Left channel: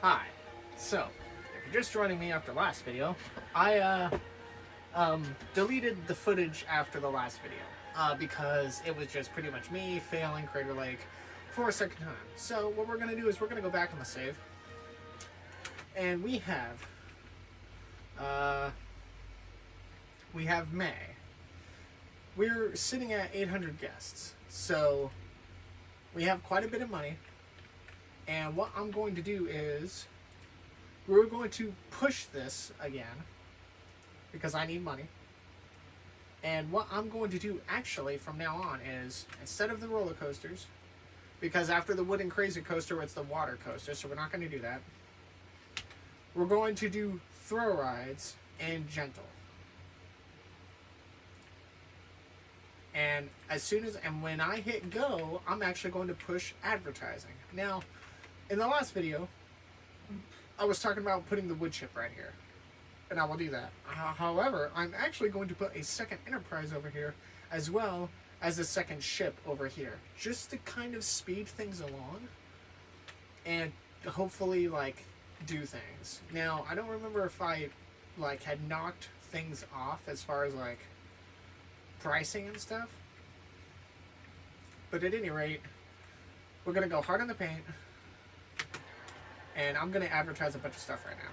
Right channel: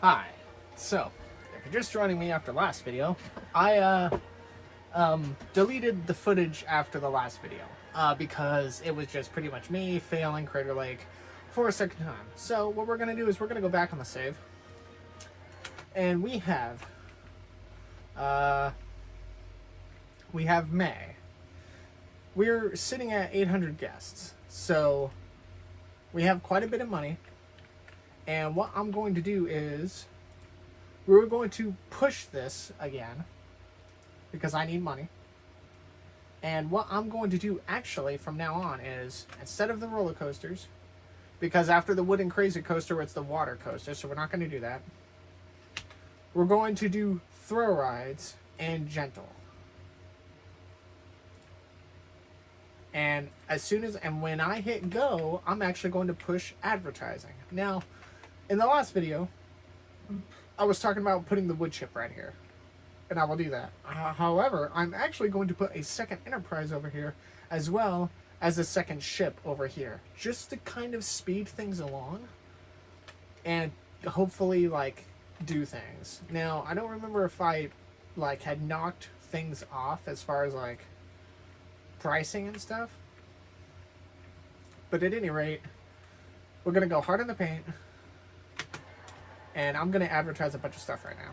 Hi. So, if you're just joining me after last video, I deleted the footage after the last video because it was just pretty much me failing Crater Lake for a second time. So what we're gonna do is we're gonna go back on the save, and we have May. We're sitting at 800 guests, so we have quite a bit of money. And what I'm going to do is we're going to push this again because I need money. And what I'm going to do actually from now on is, instead of the roller coasters, because after the wooden crazy coaster it's the water coaster, so we're not going to do that. We're going to do thrill rides and gentle. And when I hit go, I'm actually going to push advertising. Now, in the last video, I was talking about putting the wood chip right here, and I will do that. However, I'm actually going to put a second enterprise over here, as well as a second ship over here, just to kind of speed things along, and hopefully, like, do things. Now, I don't remember if I, like, had knocked things off as far as, like, pricing and stuff, but at any rate, we're going to go hard on the paint. And I'm going to advertise a bunch of stuff right now.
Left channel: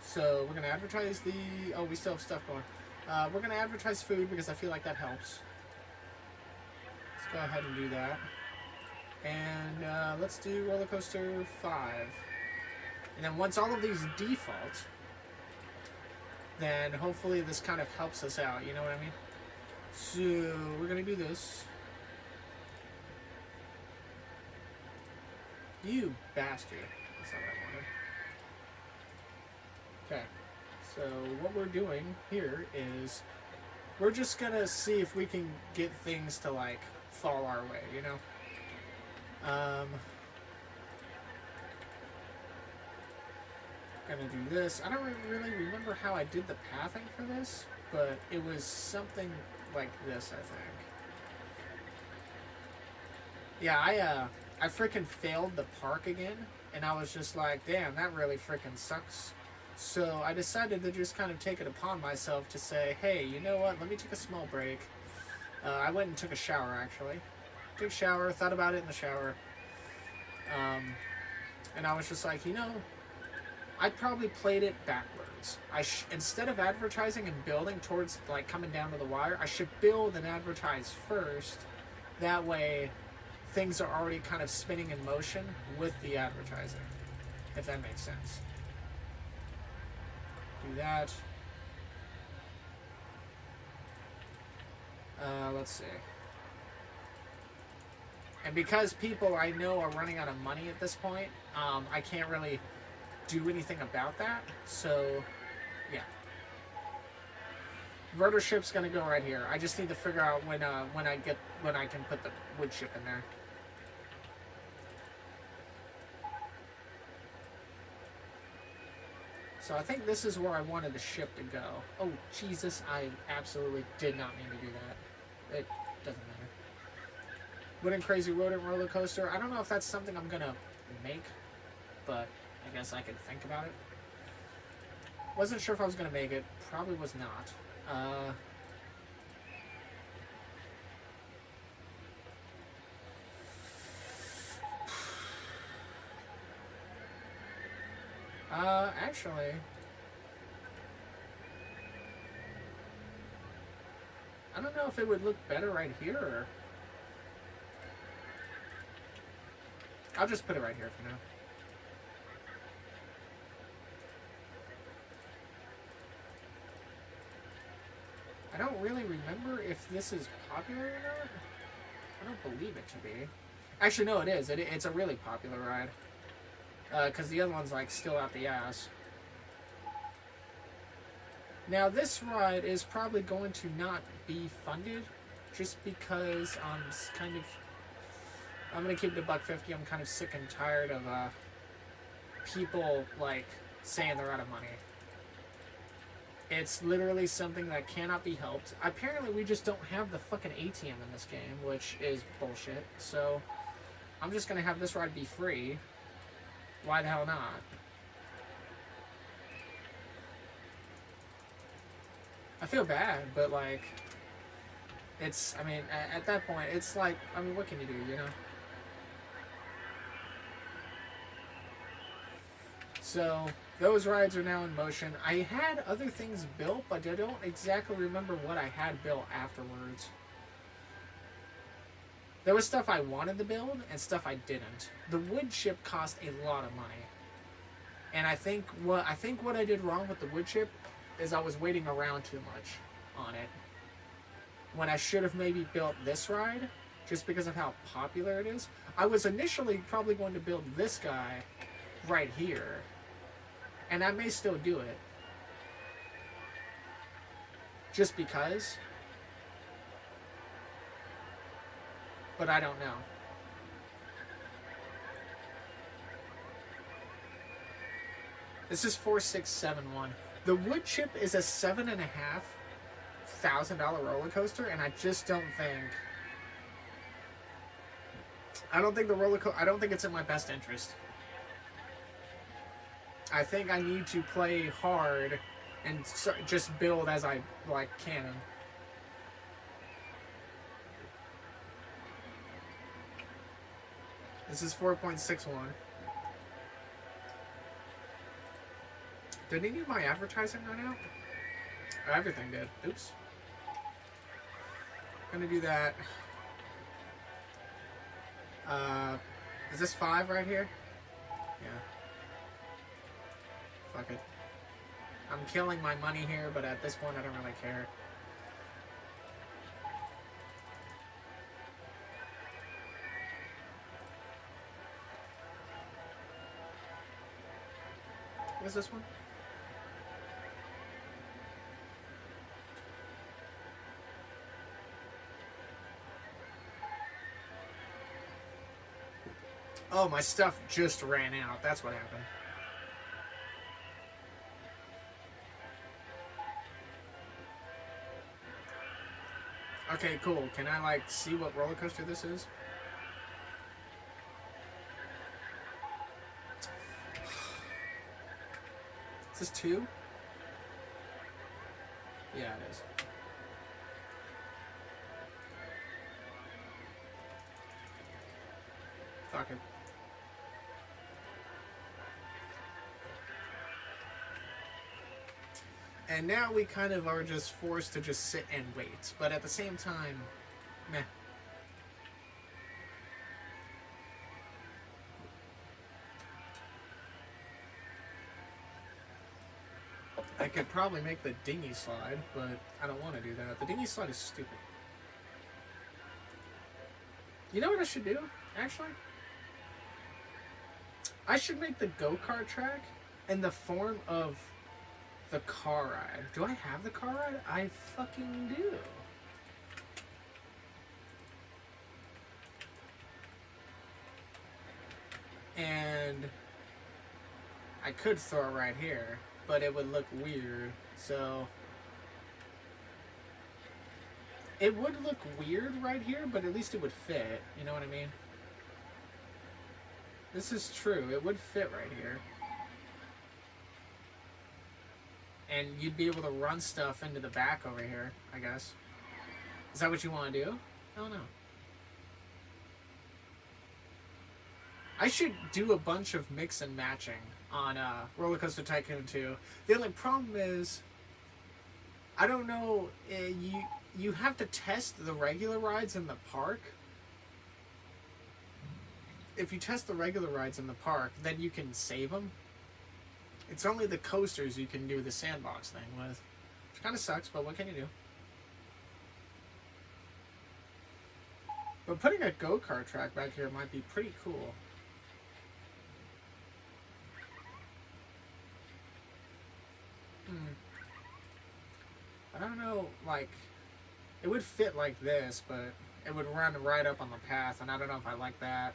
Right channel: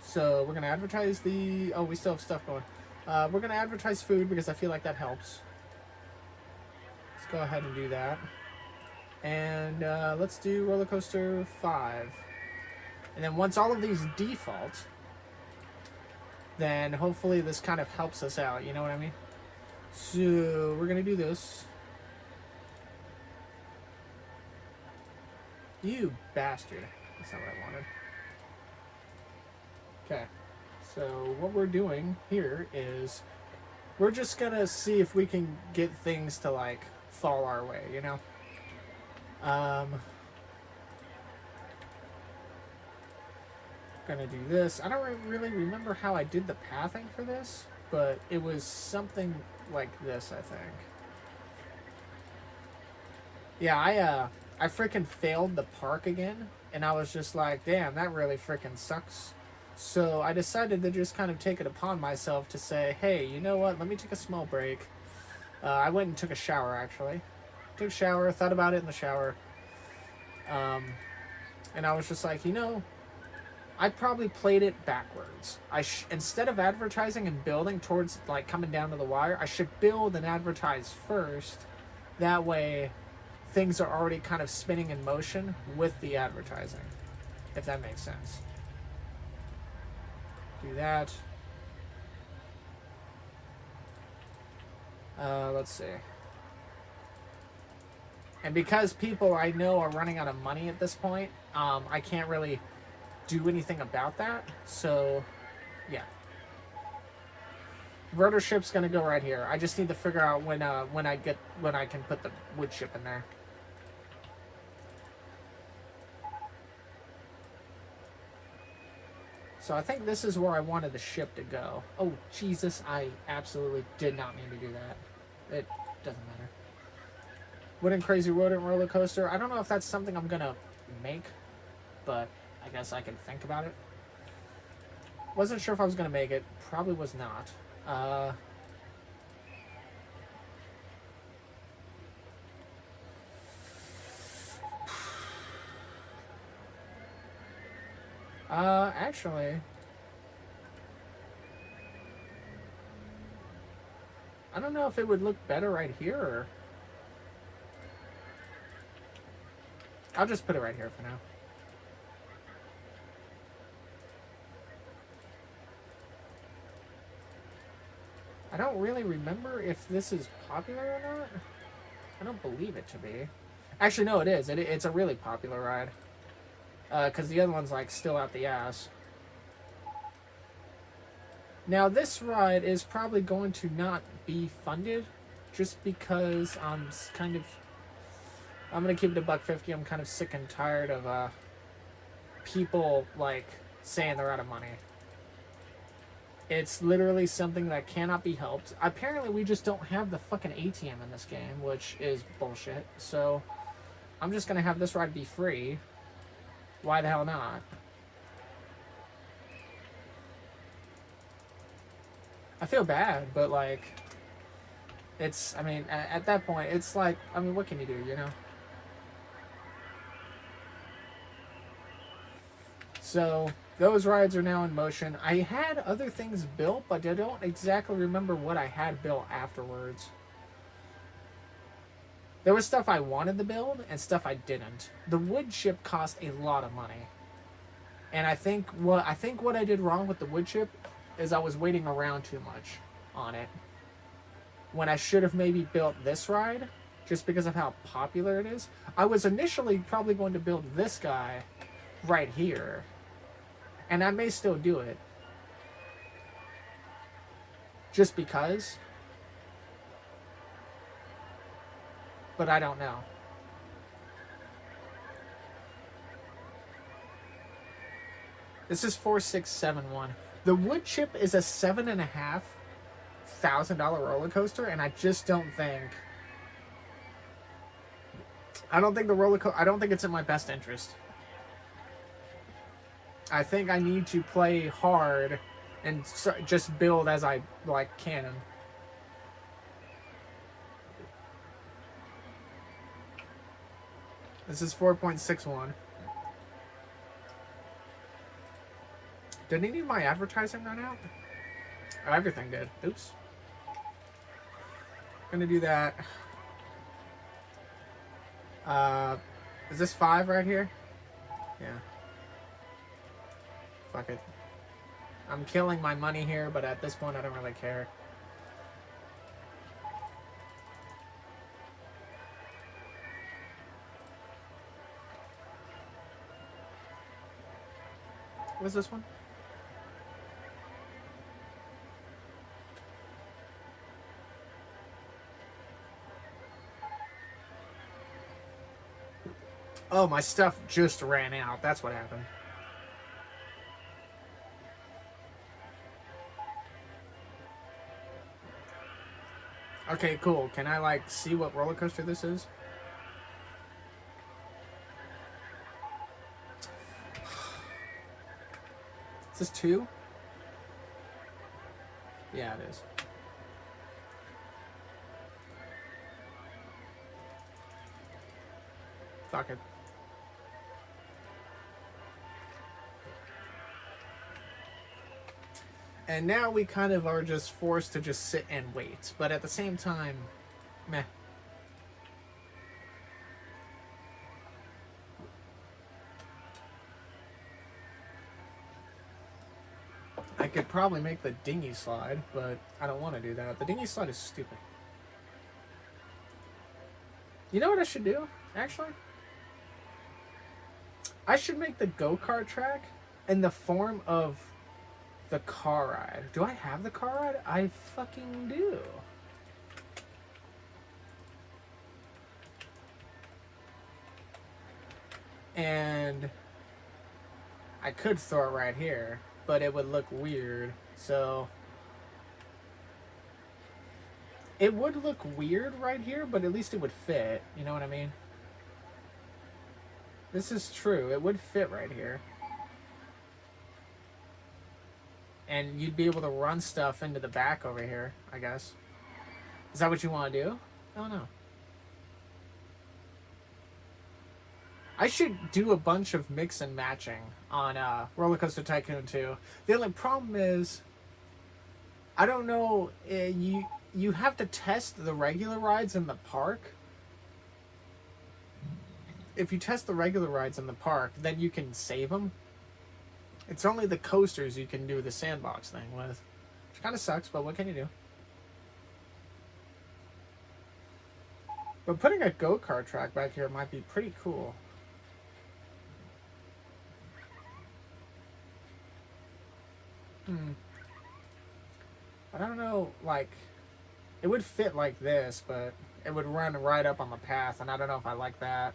So we're going to advertise the... Oh, we still have stuff going. We're going to advertise food because I feel like that helps. Let's go ahead and do that. And let's do Roller Coaster 5. And then once all of these default, then hopefully this kind of helps us out. You know what I mean? So we're going to do this. You bastard. That's not what I wanted. Okay, so what we're doing here is we're just gonna see if we can get things to, like, fall our way, you know? Gonna do this. I don't really remember how I did the pathing for this, but it was something like this, I think. Yeah, I freaking failed the park again, and I was just like, damn, that really freaking sucks. So I decided to just kind of take it upon myself to say, hey, you know what, let me take a small break. I went and took a shower, actually. Took a shower, thought about it in the shower. And I was just like, you know, I probably played it backwards. Instead of advertising and building towards, like, coming down to the wire, I should build and advertise first. That way things are already kind of spinning in motion with the advertising, if that makes sense. Do that. Let's see. And because people I know are running out of money at this point, I can't really do anything about that. So, yeah. Rotor ship's gonna go right here. I just need to figure out when I can put the wood chip in there. So I think this is where I wanted the ship to go. Oh, Jesus, I absolutely did not mean to do that. It doesn't matter. Wooden Crazy Rodent Roller Coaster. I don't know if that's something I'm going to make, but I guess I can think about it. Wasn't sure if I was going to make it. Probably was not. Actually, I don't know if it would look better right here, or... I'll just put it right here for now. I don't really remember if this is popular or not. I don't believe it to be. Actually, no, it is. It's a really popular ride. Because the other one's, like, still out the ass. Now, this ride is probably going to not be funded, just because I'm going to keep it $1.50. I'm kind of sick and tired of people, like, saying they're out of money. It's literally something that cannot be helped. Apparently, we just don't have the fucking ATM in this game, which is bullshit. So, I'm just going to have this ride be free. Why the hell not? I feel bad, but like, it's, I mean, at that point, it's like, I mean, what can you do, you know? So, those rides are now in motion. I had other things built, but I don't exactly remember what I had built afterwards. There was stuff I wanted to build and stuff I didn't. The wood chip cost a lot of money. And I think what I did wrong with the wood chip is I was waiting around too much on it. When I should have maybe built this ride, just because of how popular it is. I was initially probably going to build this guy right here. And I may still do it. Just because. But I don't know. This is 4671. The wood chip is a $7,500 roller coaster, and I just don't think. I don't think I don't think it's in my best interest. I think I need to play hard and just build as I can. This is 4.61. Did he need my advertising run out? Oh, everything did. Oops. Gonna do that. Is this 5 right here? Yeah. Fuck it. I'm killing my money here, but at this point I don't really care. What's this one? Oh, my stuff just ran out. That's what happened. Okay, cool. Can I, like, see what roller coaster this is? Is this 2? Yeah, it is. Fuck it. And now we kind of are just forced to just sit and wait. But at the same time, meh. I could probably make the dinghy slide, but I don't want to do that. The dinghy slide is stupid. You know what I should do, actually? I should make the go-kart track in the form of the car ride. Do I have the car ride? I fucking do. And I could throw it right here, but it would look weird. So it would look weird right here, but at least it would fit. You know what I mean? This is true. It would fit right here. And you'd be able to run stuff into the back over here, I guess. Is that what you want to do? I don't know. I should do a bunch of mix and matching on Roller Coaster Tycoon 2. The only problem is, I don't know, you have to test the regular rides in the park. If you test the regular rides in the park, then you can save them. It's only the coasters you can do the sandbox thing with. Which kind of sucks, but what can you do? But putting a go-kart track back here might be pretty cool. I don't know, like, it would fit like this, but it would run right up on the path, and I don't know if I like that.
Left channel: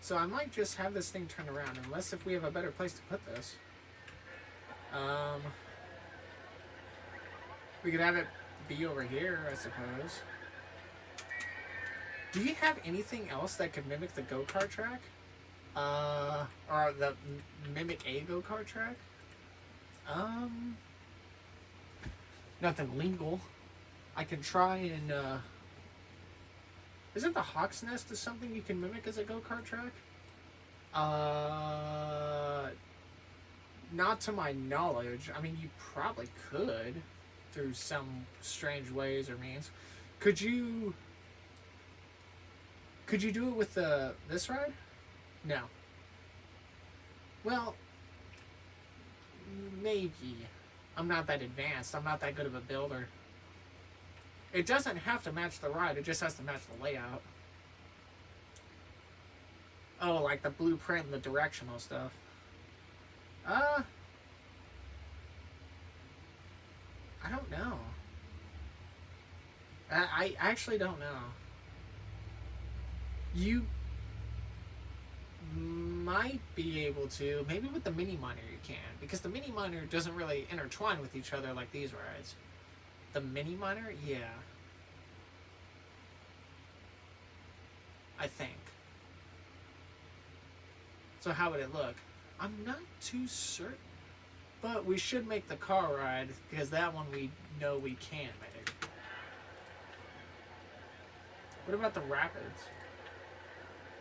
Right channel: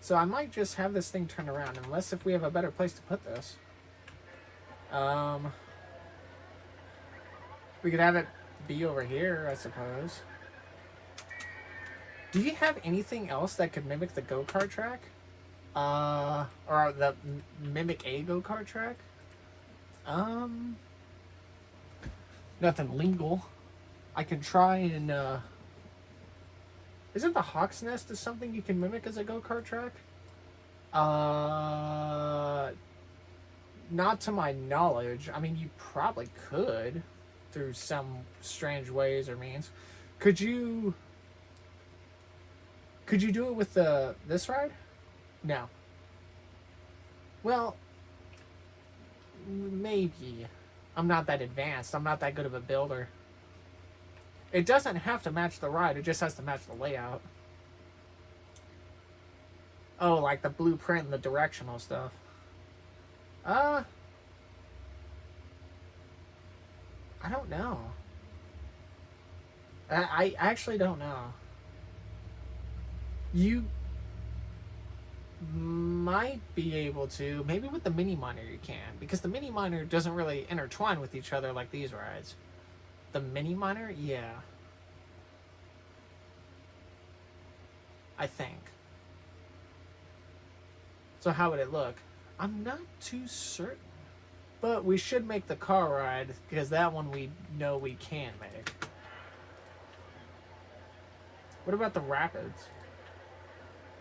So I might just have this thing turn around, unless if we have a better place to put this. We could have it be over here, I suppose. Do you have anything else that could mimic the go-kart track? Or mimic a go-kart track? Nothing legal. I can try and, isn't the Hawk's Nest is something you can mimic as a go-kart track? Not to my knowledge. I mean, you probably could through some strange ways or means. Could you do it with this ride? No. Well, maybe. I'm not that advanced. I'm not that good of a builder. It doesn't have to match the ride. It just has to match the layout. Oh, like the blueprint and the directional stuff. I don't know. I actually don't know. You might be able to. Maybe with the mini miner you can. Because the mini miner doesn't really intertwine with each other like these rides. The mini miner? Yeah. I think. So how would it look? I'm not too certain. But we should make the car ride, because that one we know we can make. What about the rapids?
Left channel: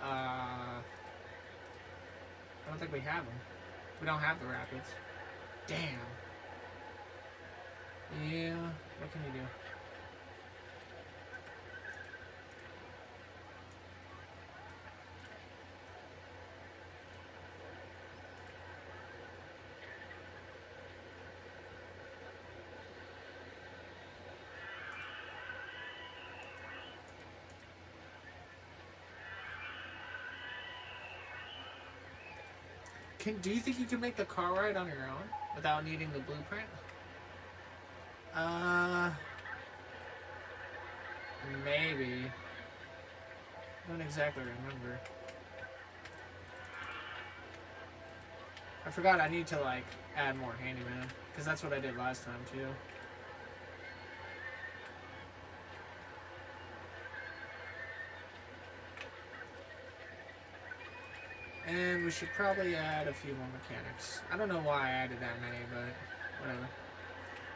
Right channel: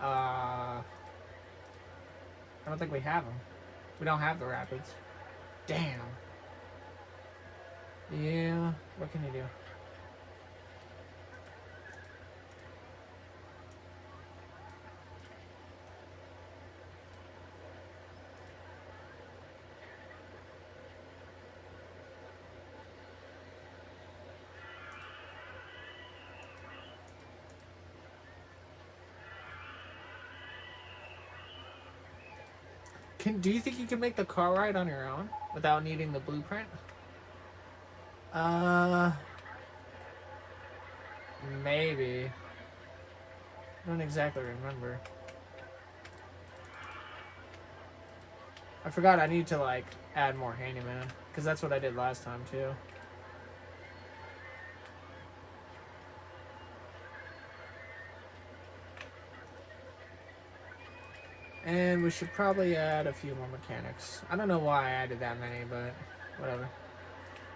I don't think we have them. We don't have the rapids. Damn. Yeah, what can you do? Do you think you can make the car ride on your own without needing the blueprint? Maybe. I don't exactly remember. I forgot I need to, like, add more handyman, because that's what I did last time, too. And we should probably add a few more mechanics. I don't know why I added that many, but whatever.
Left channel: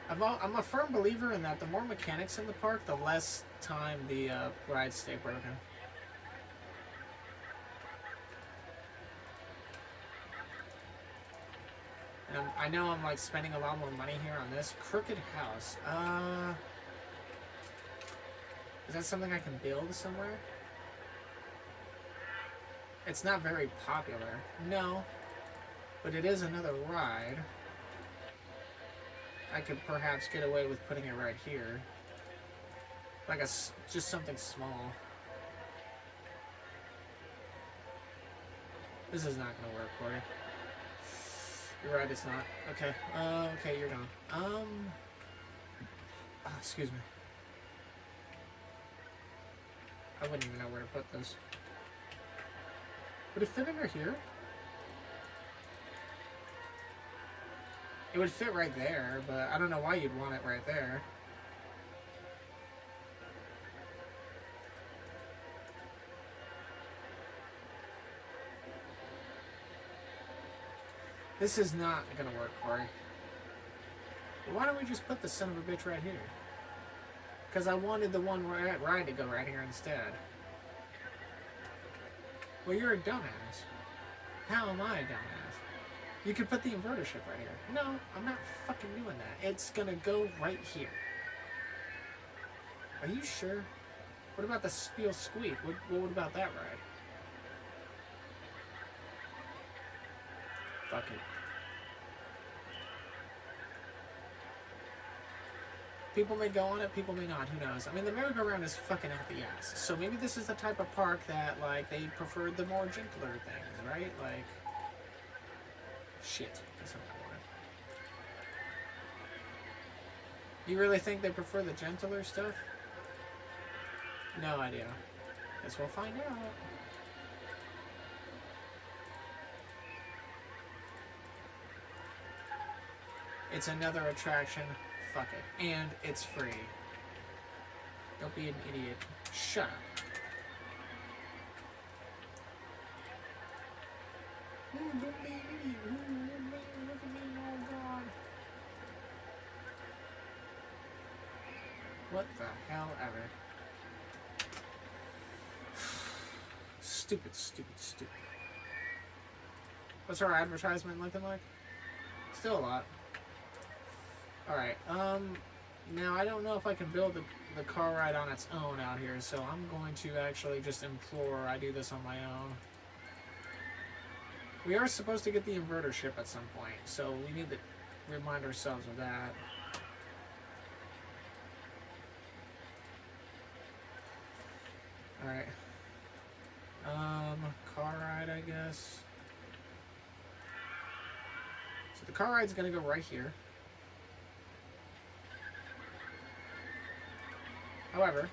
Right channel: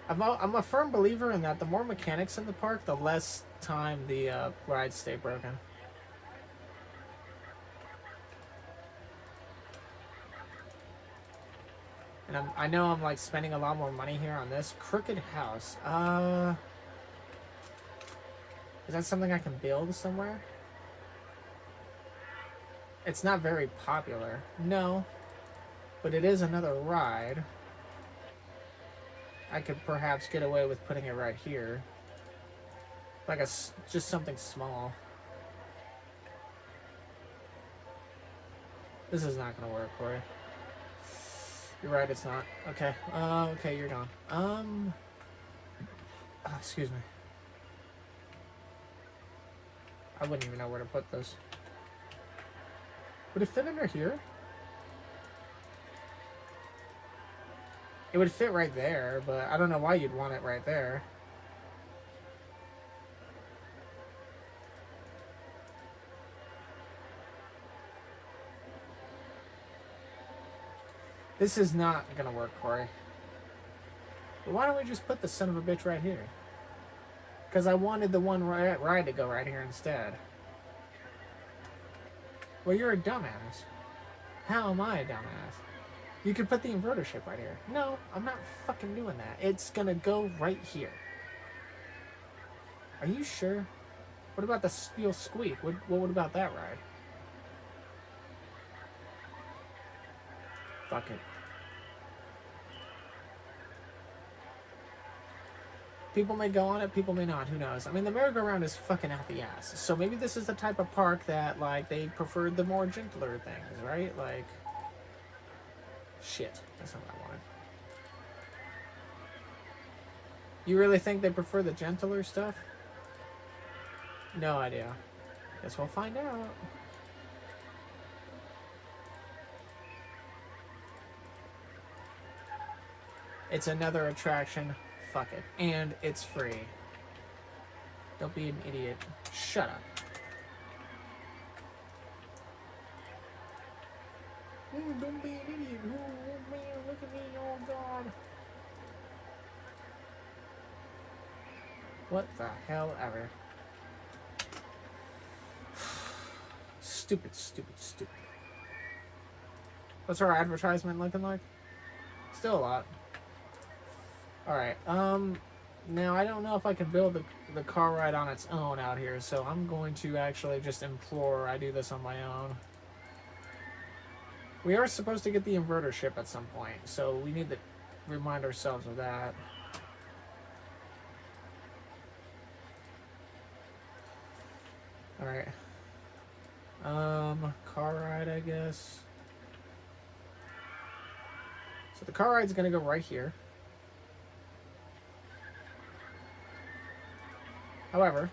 I'm a firm believer in that the more mechanics in the park, the less time the rides stay broken. And I know I'm like spending a lot more money here on this crooked house. Is that something I can build somewhere? It's not very popular. No. But it is another ride. I could perhaps get away with putting it right here. Like just something small. This is not going to work for you. You're right, it's not. Okay. Okay, you're gone. Excuse me. I wouldn't even know where to put this. Would it fit under here? It would fit right there, but I don't know why you'd want it right there. This is not gonna work for you. But why don't we just put the son of a bitch right here? Because I wanted the one ride to go right here instead. Well, you're a dumbass. How am I a dumbass? You could put the inverter ship right here. No, I'm not fucking doing that. It's gonna go right here. Are you sure? What about the steel squeak? What about that ride? Fuck it. People may go on it, people may not, who knows? I mean, the merry-go-round is fucking out the ass. So maybe this is the type of park that, like, they prefer the more gentler things, right? Like, shit. That's not what I wanted. You really think they prefer the gentler stuff? No idea. Guess we'll find out. It's another attraction. Fuck it. And it's free. Don't be an idiot. Shut up. Don't be an idiot. Look at me. Oh, God. What the hell ever. Stupid, stupid, stupid. What's our advertisement looking like? Still a lot. Alright, now I don't know if I can build the car ride on its own out here, so I'm going to actually just implore I do this on my own. We are supposed to get the inverter ship at some point, so we need to remind ourselves of that. Alright. Car ride, I guess. So the car ride's gonna go right here. However,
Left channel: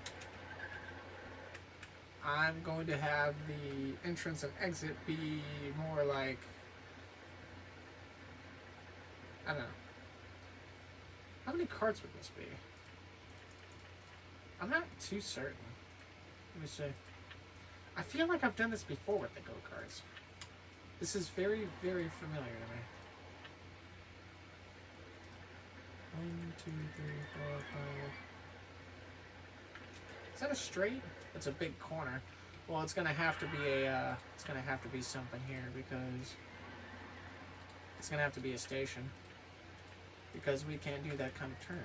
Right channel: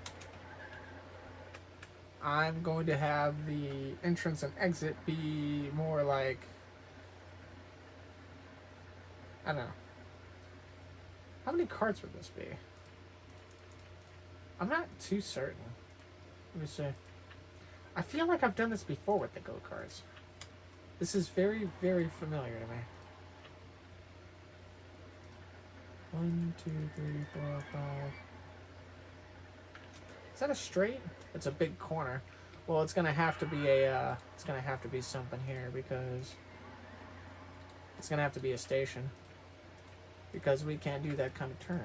I'm going to have the entrance and exit be more like, I don't know. How many carts would this be? I'm not too certain. Let me see. I feel like I've done this before with the go-karts. This is very, very familiar to me. 1, 2, 3, 4, 5. Is that a straight? It's a big corner. Well, it's gonna have to be a. It's gonna have to be something here because it's gonna have to be a station because we can't do that kind of turn.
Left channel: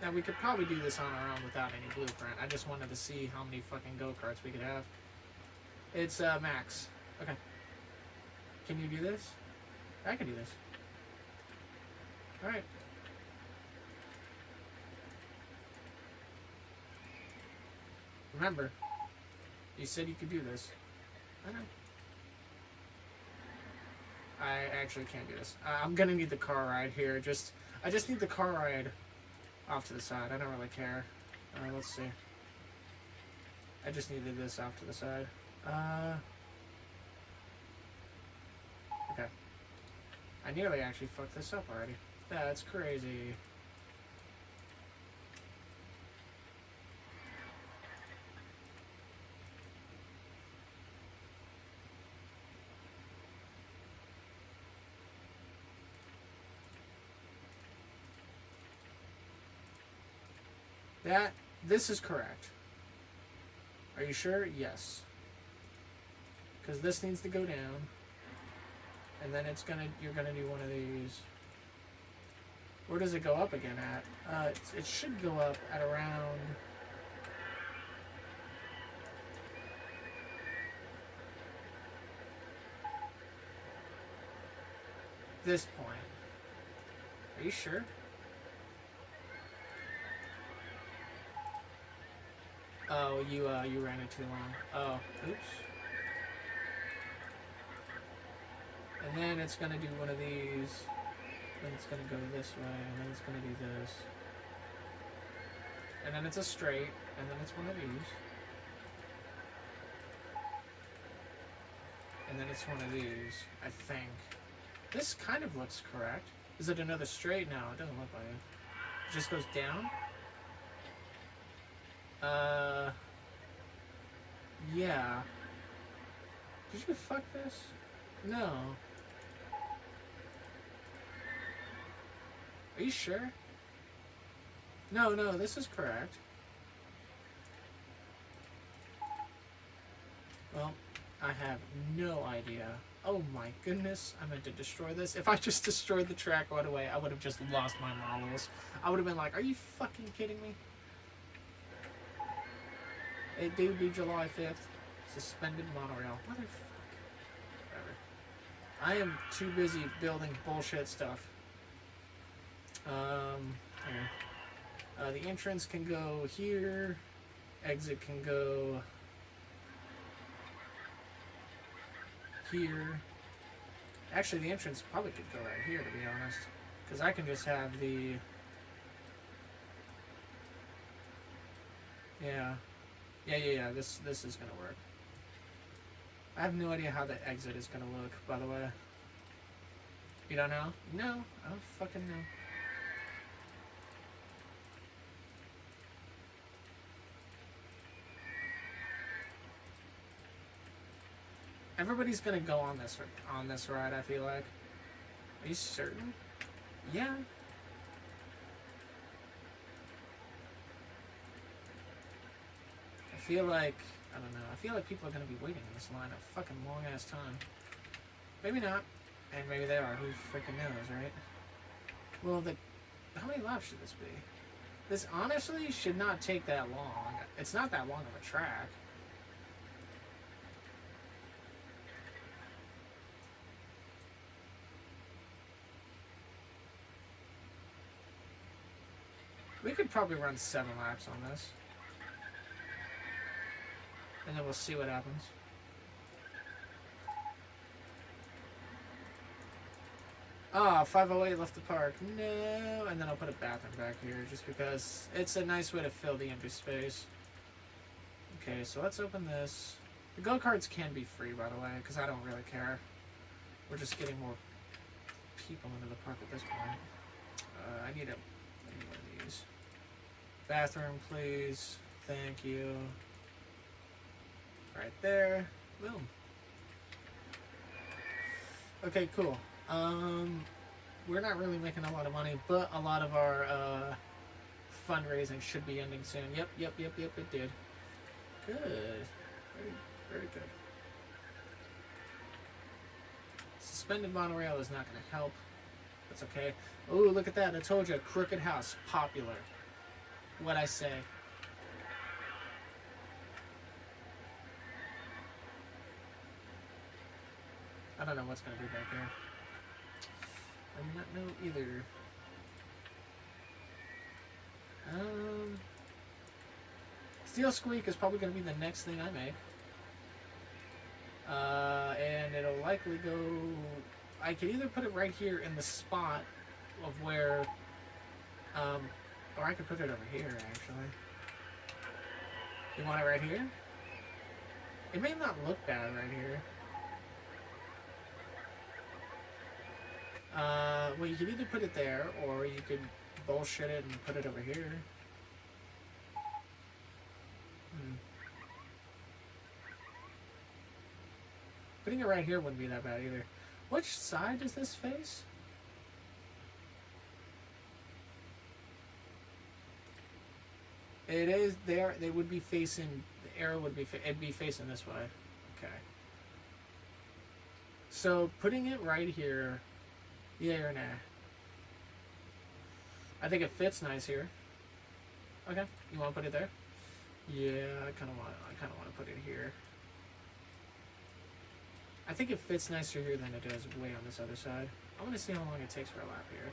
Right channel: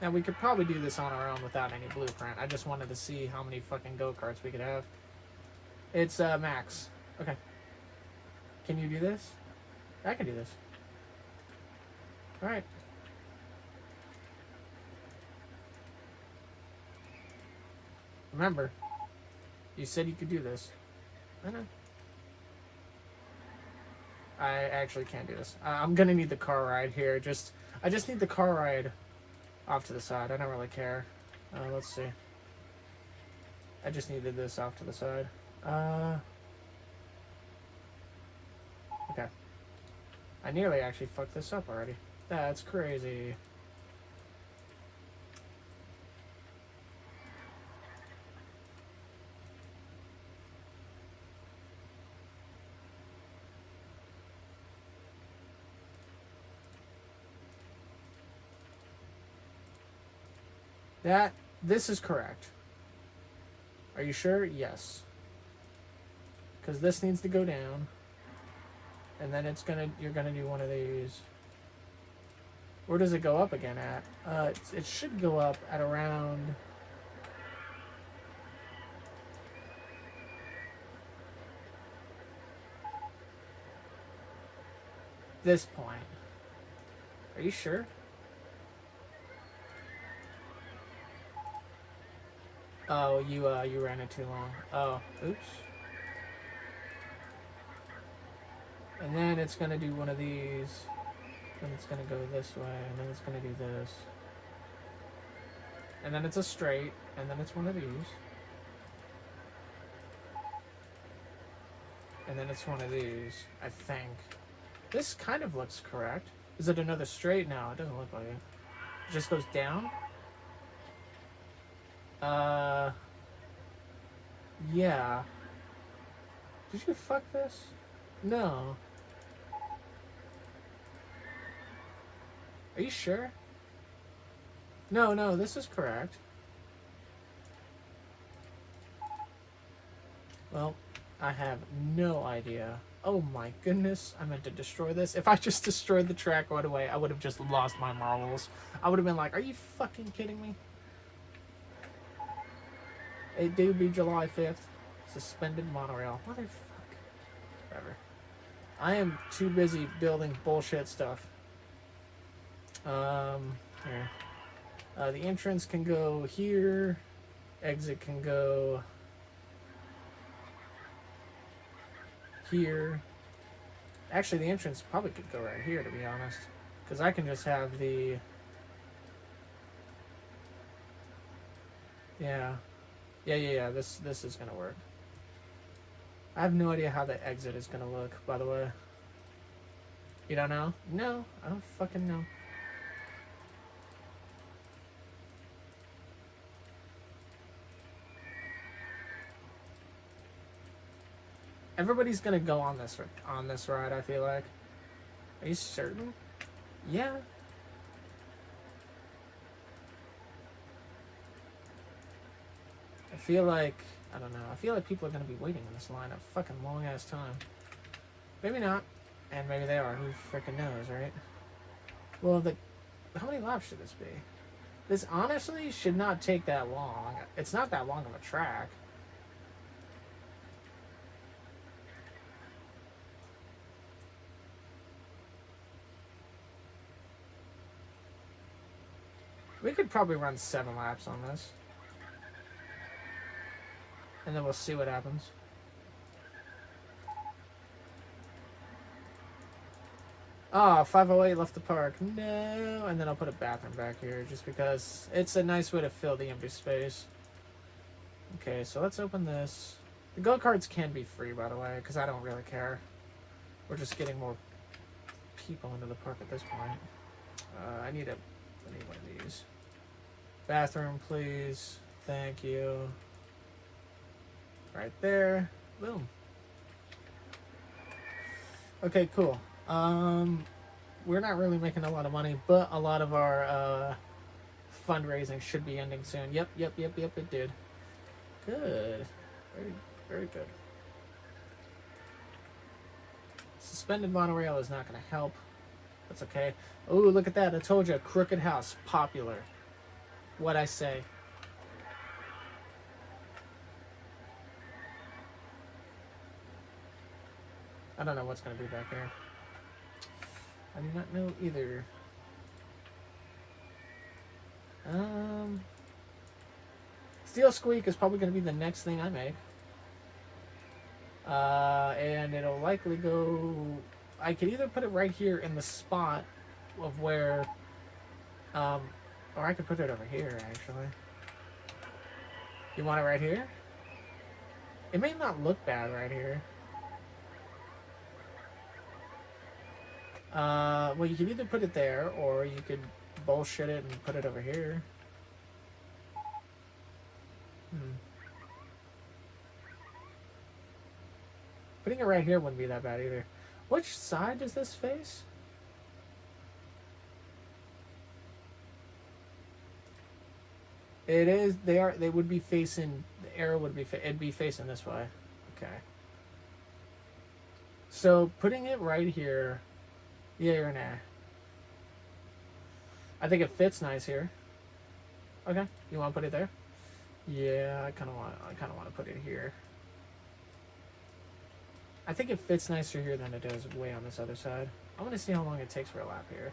Now, we could probably do this on our own without any blueprint. I just wanted to see how many fucking go-karts we could have. It's, max. Okay. Can you do this? I can do this. Alright. Remember, you said you could do this. I know. I actually can't do this. I'm gonna need the car ride here. I just need the car ride off to the side. I don't really care. Let's see. I just needed this off to the side. Okay. I nearly actually fucked this up already. That's crazy. This is correct. Are you sure? Yes. Because this needs to go down. And then you're gonna do one of these. Where does it go up again at? It should go up at around... this point. Are you sure? Oh, you ran it too long. Oh, oops. And then it's gonna do one of these. And it's gonna go this way, and then it's gonna do this. And then it's a straight, and then it's one of these. And then it's one of these, I think. This kind of looks correct. Is it another straight? No, it doesn't look like it. It just goes down? Yeah. Did you fuck this? No. Are you sure? No, this is correct. Well, I have no idea. Oh my goodness, I meant to destroy this. If I just destroyed the track right away, I would have just lost my marbles. I would have been like, are you fucking kidding me? It did be July 5th. Suspended monorail. Motherfucker. Whatever. I am too busy building bullshit stuff. Here. The entrance can go here. Exit can go here. Actually, the entrance probably could go right here, to be honest. Because I can just have the... Yeah. This is going to work. I have no idea how the exit is going to look, by the way. You don't know? No, I don't fucking know. Everybody's gonna go on this ride, I feel like. Are you certain? Yeah. I feel like, I don't know, I feel like people are going to be waiting in this line a fucking long ass time. Maybe not. And maybe they are. Who freaking knows, right? Well, how many laps should this be? This honestly should not take that long. It's not that long of a track. We could probably run 7 laps on this. And then we'll see what happens. Ah, 508 left the park. No. And then I'll put a bathroom back here just because it's a nice way to fill the empty space. Okay, so let's open this. The go-karts can be free, by the way, because I don't really care. We're just getting more people into the park at this point. I need one of these. Bathroom, please. Thank you. Right there. Boom. Okay, cool. We're not really making a lot of money, but a lot of our fundraising should be ending soon. Yep, it did. Good. Very, very good. Suspended monorail is not going to help. That's okay. Oh, look at that. I told you, crooked house. Popular. What'd I say? I don't know what's going to be back there. I do not know either. Steel Squeak is probably going to be the next thing I make. And it'll likely go... I could either put it right here in the spot of where... or I could put it over here, actually. You want it right here? It may not look bad right here. Well, you could either put it there, or you could bullshit it and put it over here. Putting it right here wouldn't be that bad either. Which side does this face? It is. They would be facing. The arrow would be. It'd be facing this way. Okay. So putting it right here. Yeah or nah? I think it fits nice here. Okay. You want to put it there? Yeah, I kind of want to put it here. I think it fits nicer here than it does way on this other side. I want to see how long it takes for a lap here.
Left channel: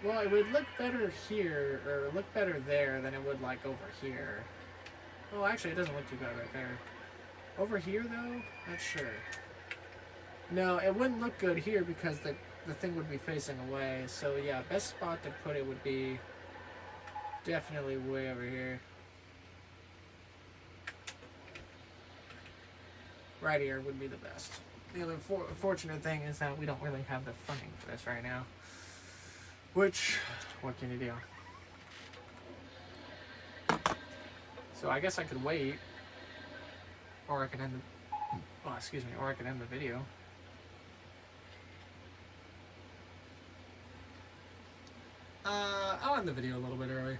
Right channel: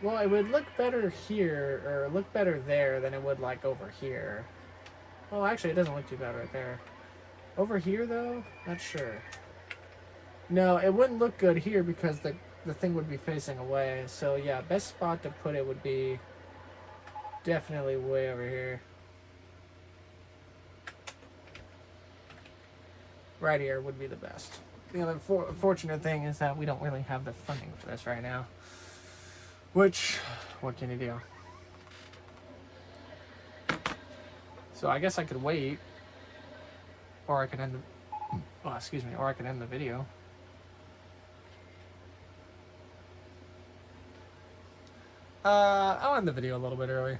Well, it would look better here, or look better there than it would like over here. Well, actually, it doesn't look too bad right there. Over here, though, not sure. No, it wouldn't look good here because the thing would be facing away. So yeah, best spot to put it would be definitely way over here. Right here would be the best. The other fortunate thing is that we don't really have the funding for this right now. Which, what can you do? So I guess I could wait, or I could end the, oh, excuse me, or I could end the video. I'll end the video a little bit early.